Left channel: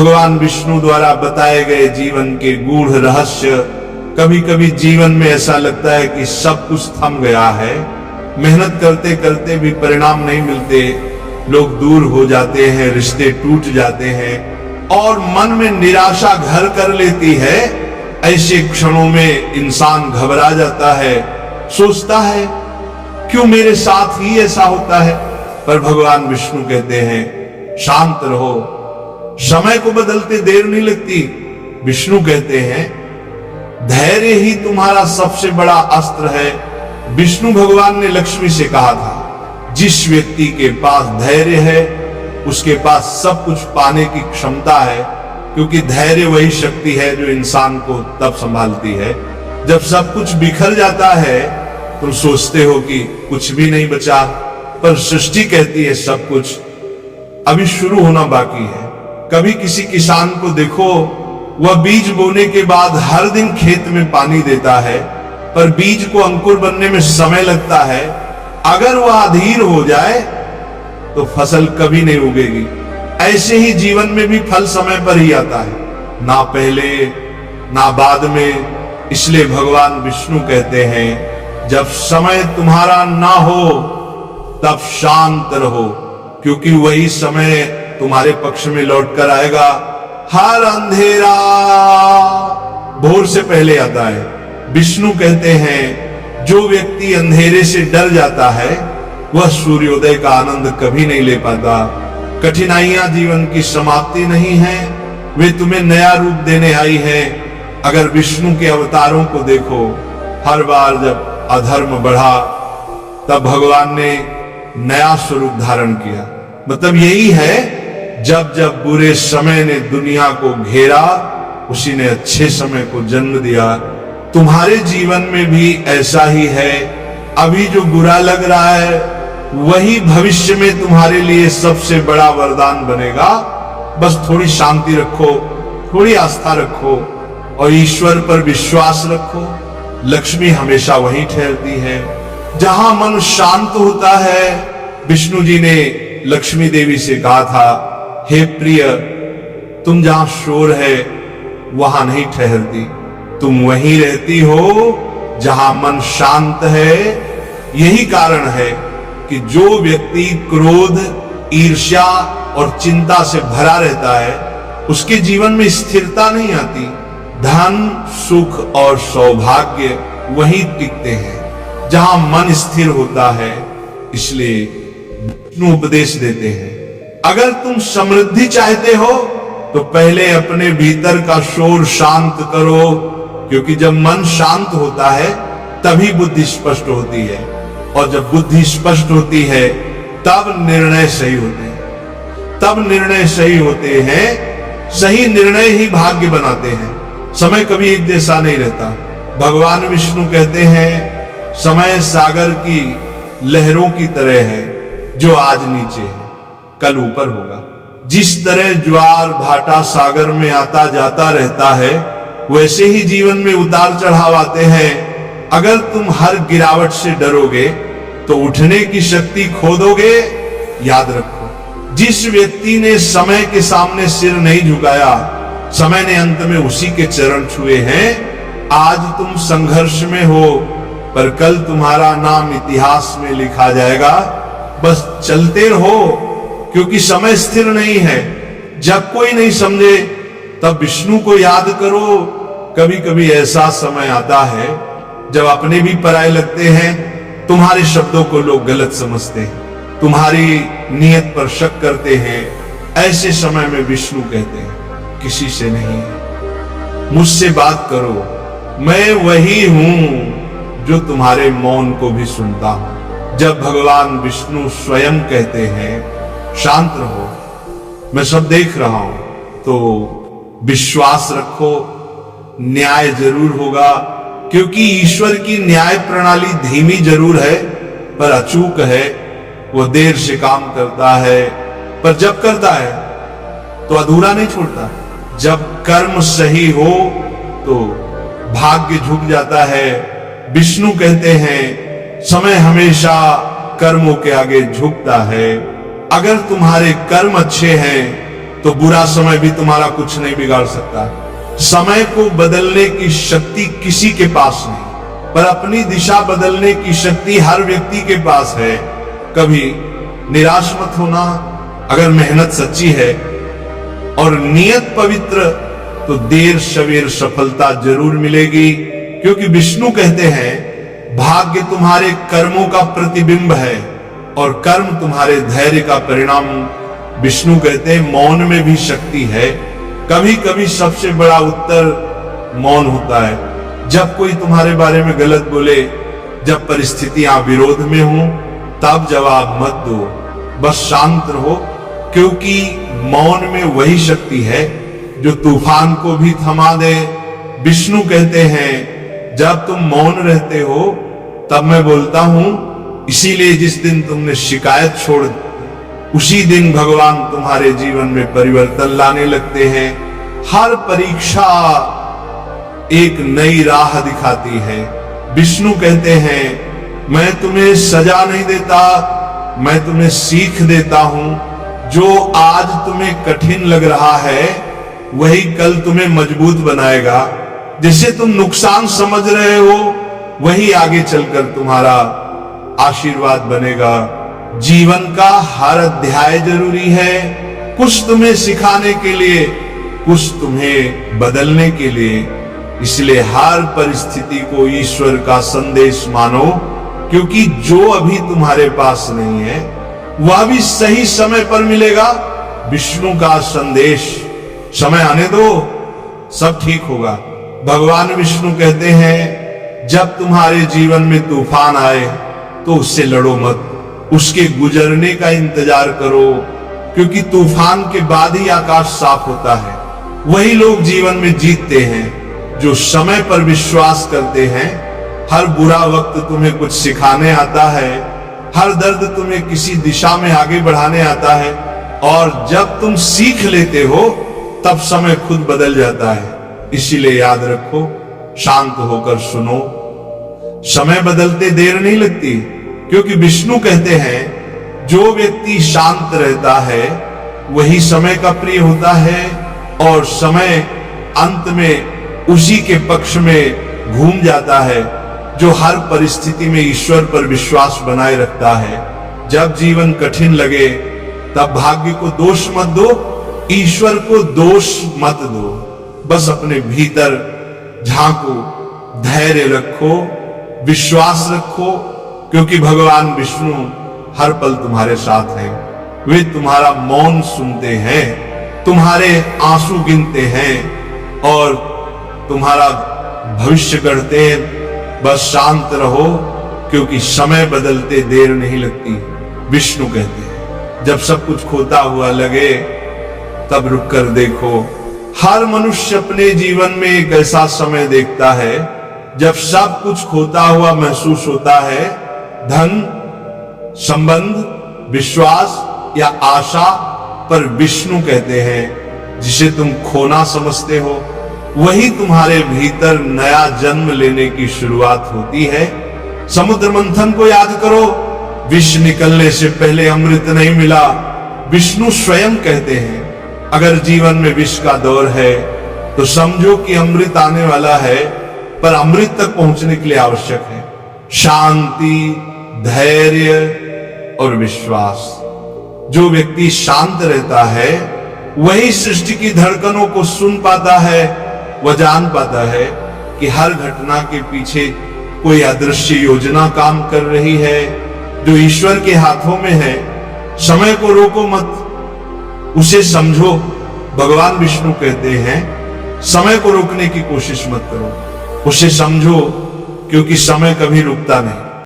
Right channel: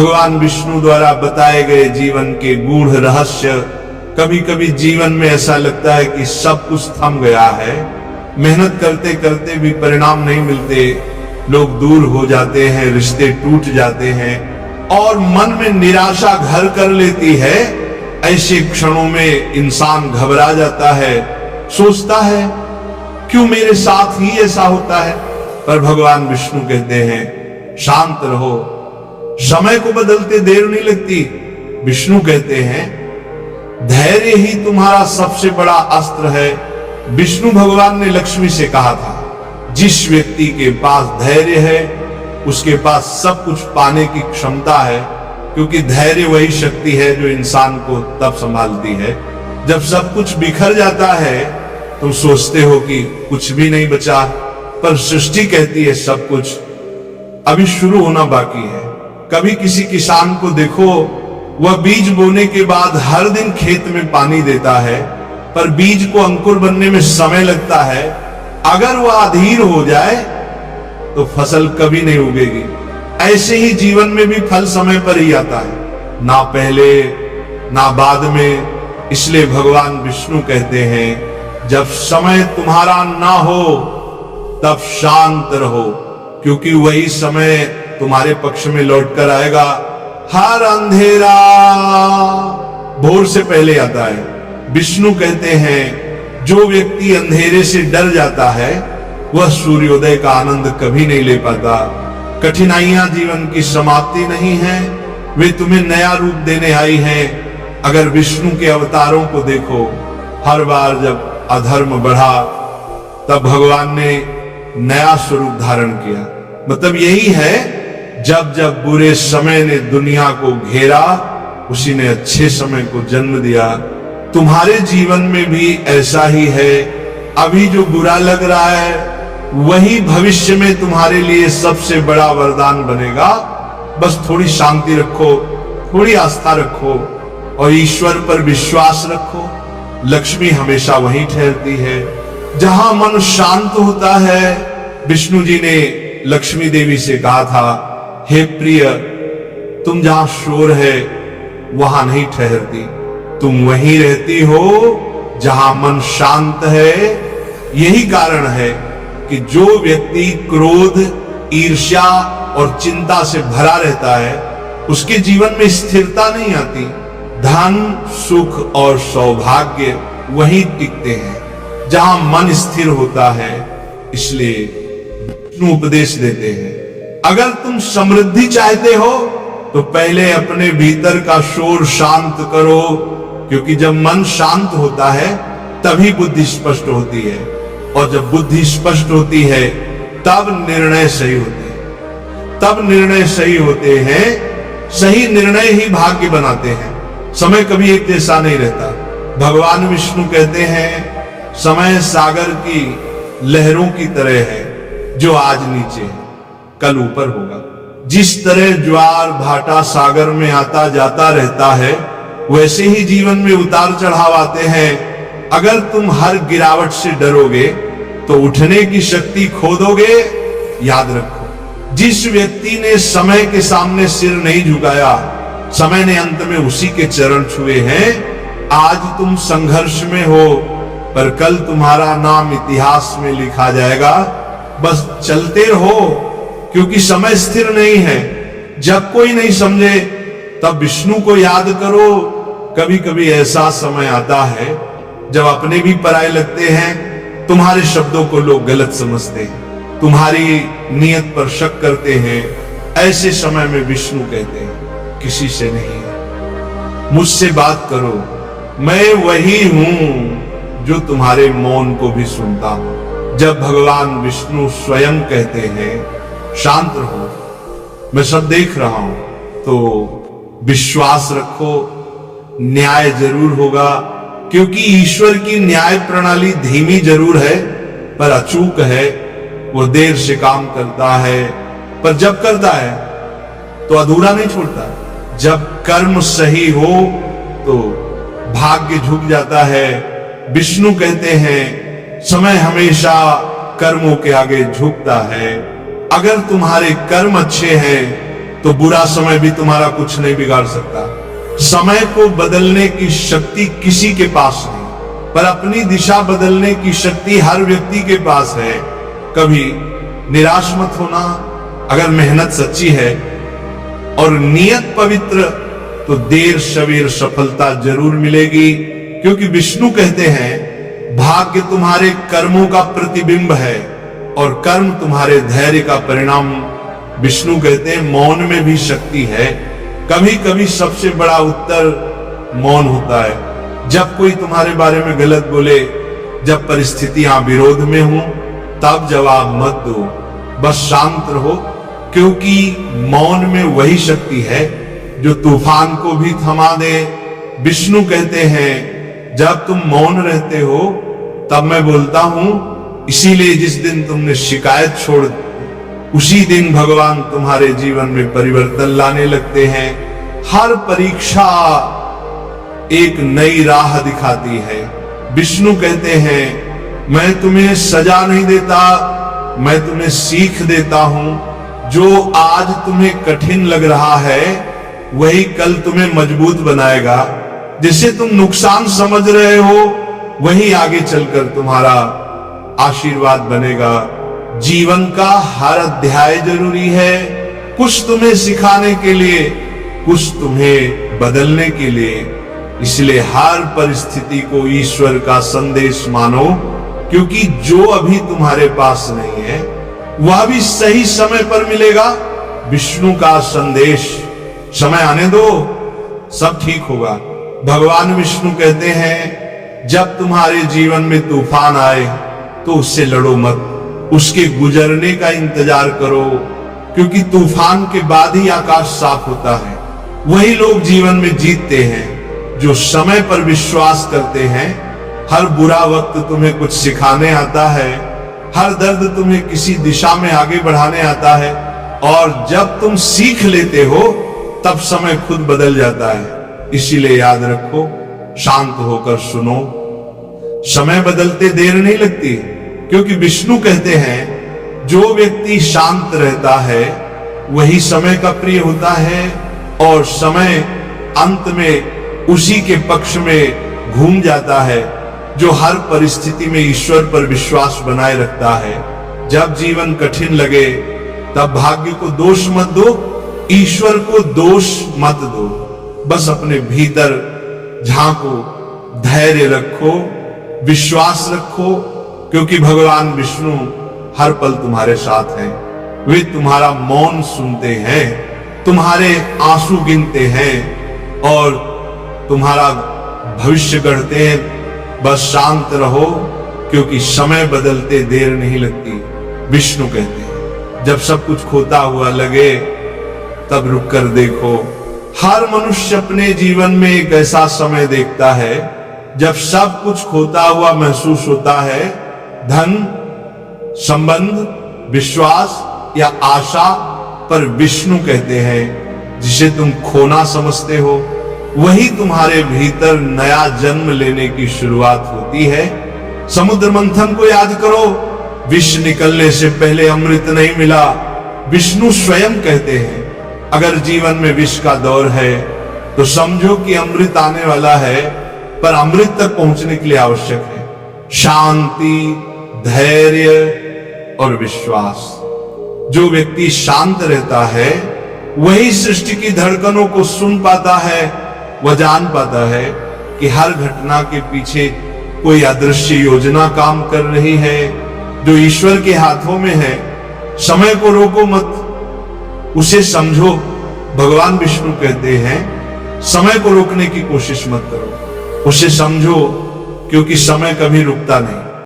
भगवान विष्णु द्वारा बताए गए जीवन के गूढ़ रहस्य। कभी कभी जीवन में ऐसा लगता है कि सब कुछ थम गया है, मेहनत करते करते भी परिणाम नहीं मिलते, लोग दूर हो जाते हैं, रिश्ते टूट जाते हैं और मन में निराशा घर कर लेती है। ऐसे क्षणों में इंसान घबरा जाता है, सोचता है क्यों मेरे साथ ही ऐसा होता है। पर भगवान विष्णु कहते हैं शांत रहो, समय को बदलते देर नहीं लगती। विष्णु कहते हैं धैर्य ही तुम्हारा सबसे बड़ा अस्त्र है। विष्णु भगवान ने लक्ष्मी से कहा था जिस व्यक्ति के पास धैर्य है उसके पास सब कुछ पाने की क्षमता है, क्योंकि धैर्य वही शक्ति है जो इंसान को तब संभालती है जब सब कुछ बिखर जाता है। तुम सोचते हो कि कुछ भी नहीं बचा, पर सृष्टि कहती है सब कुछ अभी शुरू होना बाकी है। कभी किसी किसान को देखो, वह बीज बोने के बाद हर दिन खेत में पानी देता है, पर बीज को अंकुर बनने में समय लगता है। अगर वह अधीर हो जाए तो फसल कभी नहीं उगेगी। ऐसे ही जीवन में भी फल समय पर ही आता है, ना पहले ना बाद में। इसलिए भगवान विष्णु कहते हैं जब समय तुम्हारा ना हो तब शांत रहो, क्योंकि वही समय तुम्हारे पक्ष में लौट कर आएगा। हर अंधेरा भोर से पहले आता है। विष्णु कहते हैं जो व्यक्ति अंधेरे से डर जाता है वह सूर्योदय का आनंद कभी नहीं ले पाता। कठिनाइयां जीवन की समाप्ति नहीं है, वे तुम्हें नया रूप देने आई है। अगर विष्णु के अवतारों को देखो, हर बार जब अधर्म बढ़ा तब भगवान ने नया स्वरूप धारण किया। मतलब यही है जब जब बुरे समय ने दुनिया को घेरा, उसी ने अच्छे समय को जन्म दिया। तुम्हारे जीवन में भी ऐसा ही है। अभी जो बुरा लग रहा है वही भविष्य में तुम्हारे लिए सबसे बड़ा वरदान बनेगा। बस थोड़ी शांति रखो, थोड़ी आस्था रखो और ईश्वर पर विश्वास रखो। लक्ष्मी हमेशा वहीं ठहरती है जहां मन शांत होता है। विष्णु जी ने लक्ष्मी देवी से कहा था हे प्रिय, तुम जहां शोर है वहां नहीं ठहरती, तुम वहीं रहती हो जहां मन शांत है। यही कारण है कि जो व्यक्ति क्रोध, ईर्ष्या और चिंता से भरा रहता है उसके जीवन में स्थिरता नहीं आती। धन, सुख और सौभाग्य वहीं टिकते हैं जहां मन स्थिर होता है। इसलिए विष्णु उपदेश देते हैं अगर तुम समृद्धि चाहते हो तो पहले अपने भीतर का शोर शांत करो, क्योंकि जब मन शांत होता है तभी बुद्धि स्पष्ट होती है, और जब बुद्धि स्पष्ट होती है तब निर्णय सही होते हैं। तब निर्णय सही होते हैं, सही निर्णय ही भाग्य बनाते हैं। समय कभी एक जैसा नहीं रहता। भगवान विष्णु कहते हैं समय सागर की लहरों की तरह है, जो आज नीचे है कल ऊपर होगा। जिस तरह ज्वार भाटा सागर में आता जाता रहता है, वैसे ही जीवन में उतार चढ़ाव आते हैं। अगर तुम हर गिरावट से डरोगे तो उठने की शक्ति खो दोगे। याद रखो, जिस व्यक्ति ने समय के सामने सिर नहीं झुकाया, समय ने अंत में उसी के चरण छुए हैं। आज तुम संघर्ष में हो, पर कल तुम्हारा नाम इतिहास में लिखा जाएगा। बस चलते रहो, क्योंकि समय स्थिर नहीं है। जब कोई नहीं समझे तब विष्णु को याद करो। कभी कभी ऐसा समय आता है जब अपने भी पराये लगते हैं। तुम्हारे शब्दों को लोग गलत समझते हैं, तुम्हारी नीयत पर शक करते हैं। ऐसे समय में विष्णु कहते हैं किसी से नहीं, मुझसे बात करो, मैं वही हूं जो तुम्हारे मौन को भी सुनता हूं। जब भगवान विष्णु स्वयं कहते हैं शांत रहो, मैं सब देख रहा हूं, तो विश्वास रखो, न्याय जरूर होगा। क्योंकि ईश्वर की न्याय प्रणाली धीमी जरूर है पर अचूक है। वो देर से काम करता है, पर जब करता है तो अधूरा नहीं छोड़ता। जब कर्म सही हो तो भाग्य झुक जाता है। विष्णु कहते हैं समय हमेशा कर्मों के आगे झुकता है। अगर तुम्हारे कर्म अच्छे हैं तो बुरा समय भी तुम्हारा कुछ नहीं बिगाड़ सकता। समय को बदलने की शक्ति किसी के पास नहीं, पर अपनी दिशा बदलने की शक्ति हर व्यक्ति के पास है। कभी निराश मत होना। अगर मेहनत सच्ची है और नियत पवित्र, तो देर सवेर सफलता जरूर मिलेगी। क्योंकि विष्णु कहते हैं भाग्य तुम्हारे कर्मों का प्रतिबिंब है और कर्म तुम्हारे धैर्य का परिणाम। विष्णु कहते हैं मौन में भी शक्ति है। कभी कभी सबसे बड़ा उत्तर मौन होता है। जब कोई तुम्हारे बारे में गलत बोले, जब परिस्थितियां विरोध में हो, तब जवाब मत दो, बस शांत रहो। क्योंकि मौन में वही शक्ति है जो तूफान को भी थमा दे। विष्णु कहते हैं जब तुम मौन रहते हो तब मैं बोलता हूं। इसीलिए जिस दिन तुमने शिकायत छोड़, उसी दिन भगवान तुम्हारे जीवन में परिवर्तन लाने लगते हैं। हर परीक्षा एक नई राह दिखाती है। विष्णु कहते हैं मैं तुम्हें सजा नहीं देता, मैं तुम्हें सीख देता हूं। जो आज तुम्हें कठिन लग रहा है वही कल तुम्हें मजबूत बनाएगा। जिसे तुम नुकसान समझ रहे हो वही आगे चलकर तुम्हारा आशीर्वाद बनेगा। जीवन का हर अध्याय जरूरी है, कुछ तुम्हें सिखाने के लिए, कुछ तुम्हें बदलने के लिए। इसलिए हर परिस्थिति को ईश्वर का संदेश मानो, क्योंकि जो अभी तुम्हारे पास नहीं है वह भी सही समय पर मिलेगा। विष्णु का संदेश, समय आने दो, सब ठीक होगा। भगवान विष्णु कहते हैं जब तुम्हारे जीवन में तूफान आए तो उससे लड़ो मत, उसके गुजरने का इंतजार करो। क्योंकि तूफान के बाद ही आकाश साफ होता है। वही लोग जीवन में जीतते हैं जो समय पर विश्वास करते हैं। हर बुरा वक्त तुम्हें कुछ सिखाने आता है, हर दर्द तुम्हें किसी दिशा में आगे बढ़ाने आता है। और जब तुम सीख लेते हो तब समय खुद बदल जाता है। इसीलिए याद रखो, शांत होकर सुनो। समय बदलते देर नहीं लगती, क्योंकि विष्णु कहते हैं जो व्यक्ति शांत रहता है वही समय का प्रिय होता है। और समय अंत में उसी के पक्ष में घूम जाता है जो हर परिस्थिति में ईश्वर पर विश्वास बनाए रखता है। जब जीवन कठिन लगे तब भाग्य को दोष मत दो, ईश्वर को दोष मत दो। बस अपने भीतर झांको, धैर्य रखो, विश्वास रखो। क्योंकि भगवान विष्णु हर पल तुम्हारे साथ हैं। वे तुम्हारा मौन सुनते हैं, तुम्हारे आंसू गिनते हैं और तुम्हारा भविष्य गढ़ते हैं। बस शांत रहो, क्योंकि समय बदलते देर नहीं लगती। विष्णु कहते हैं जब सब कुछ खोता हुआ लगे तब रुक कर देखो। हर मनुष्य अपने जीवन में एक ऐसा समय देखता है जब सब कुछ खोता हुआ महसूस होता है। धन, संबंध, विश्वास या आशा, पर विष्णु कहते हैं जिसे तुम खोना समझते हो वही तुम्हारे भीतर नया जन्म लेने की शुरुआत होती है। समुद्र मंथन को याद करो, विष निकलने से पहले अमृत नहीं मिला। विष्णु स्वयं कहते हैं अगर जीवन में विष का दौर है तो समझो कि अमृत आने वाला है, पर अमृत तक पहुंचने के लिए आवश्यक है शांति, धैर्य और विश्वास। जो व्यक्ति शांत रहता है वही सृष्टि की धड़कनों को सुन पाता है। वह जान पाता है कि हर घटना के पीछे कोई अदृश्य योजना काम कर रही है जो ईश्वर के हाथों में है। समय को रोको मत, उसे समझो। भगवान विष्णु कहते हैं समय को रोकने की कोशिश मत करो, उसे समझो, क्योंकि समय कभी रुकता नहीं।